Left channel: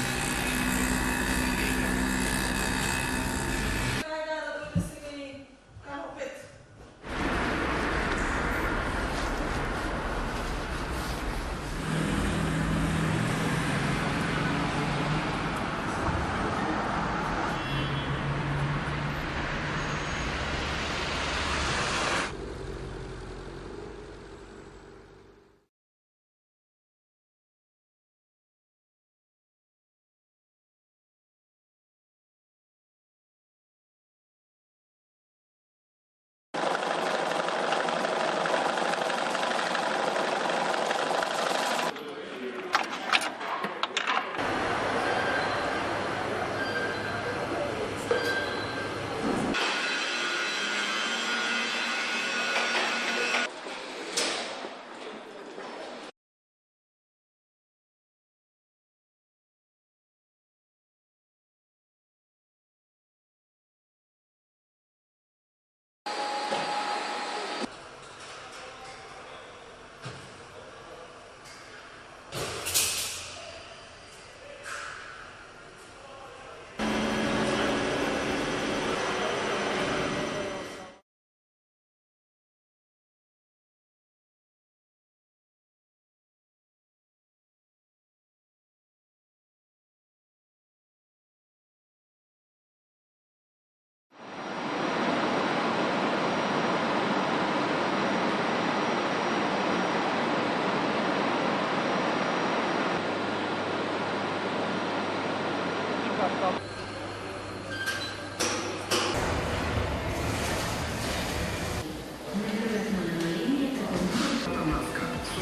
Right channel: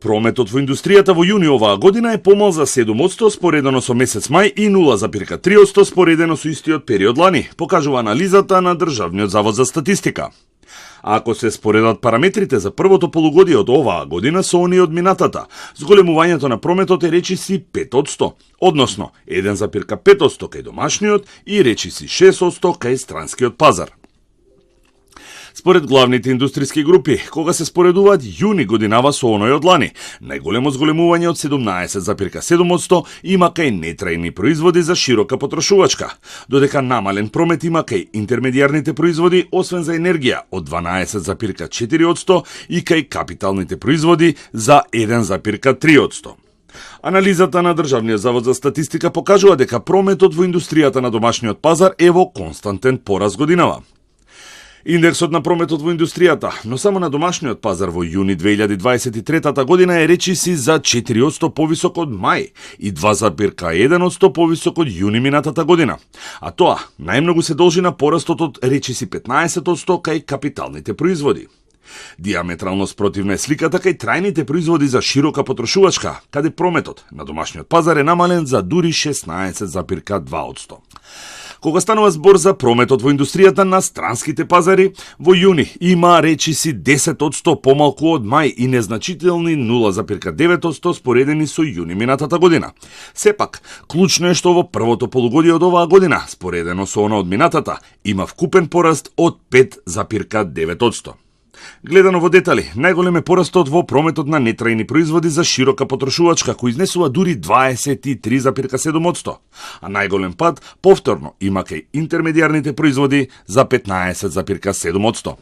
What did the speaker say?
Прометот во индустријата во јуни оваа година е помал за 7% споредено со месец мај и 0,3% споредено со истиот период лани, покажува анализата на Државниот завод за статистика. Ако се споредат параметрите за првото полугодие од оваа година со оние од минатата, зголемувањето на прометот е речиси 5%, односно 1,5% кај домашниот и речиси 6% кај странскиот пазар. Според главните индустријски групи, кога се споредуваат јуни годинава со оној од лани, најголемо зголемување од 17,7% има кај нетрајни производи за широка потрошувачка, додека намален промет има кај интермедијарните производи, освен за енергија, од 12,4% и кај капиталните производи за 1,3%. Анализата на Државниот завод за статистика покажува дека прометот во индустријата на домашниот пазар е во константен пораст годинава. Индексот на прометот во индустријата, но само на домашниот пазар во јуни 2023 година е речиси за 4% повисок од мај и 2,1% повисок од јуни минатата година. А тоа најмногу се должи на порастот од речиси 15% кај капиталните производи. Диаметрално спротивна е сликата кај трајните производи за широка потрошувачка, каде прометот на домашниот пазар е намален за дури 16,2%. Кога станува збор за прометот во индустријата на странските пазари, во јуни има речиси 10% помалку од мај и незначителни 0,9% споредени со јуни минатата година. Сепак, клучно е што во првото полугодие од оваа година, споредено со она од минатата, има вкупен пораст од 5,9%. Гледано во детали, најголем е порастот во прометот на нетрајни производи за широка потрошувачка, кој изнесува дури 23,7%, а најголем пад повторно има кај интермедијарните производи за 15,7%.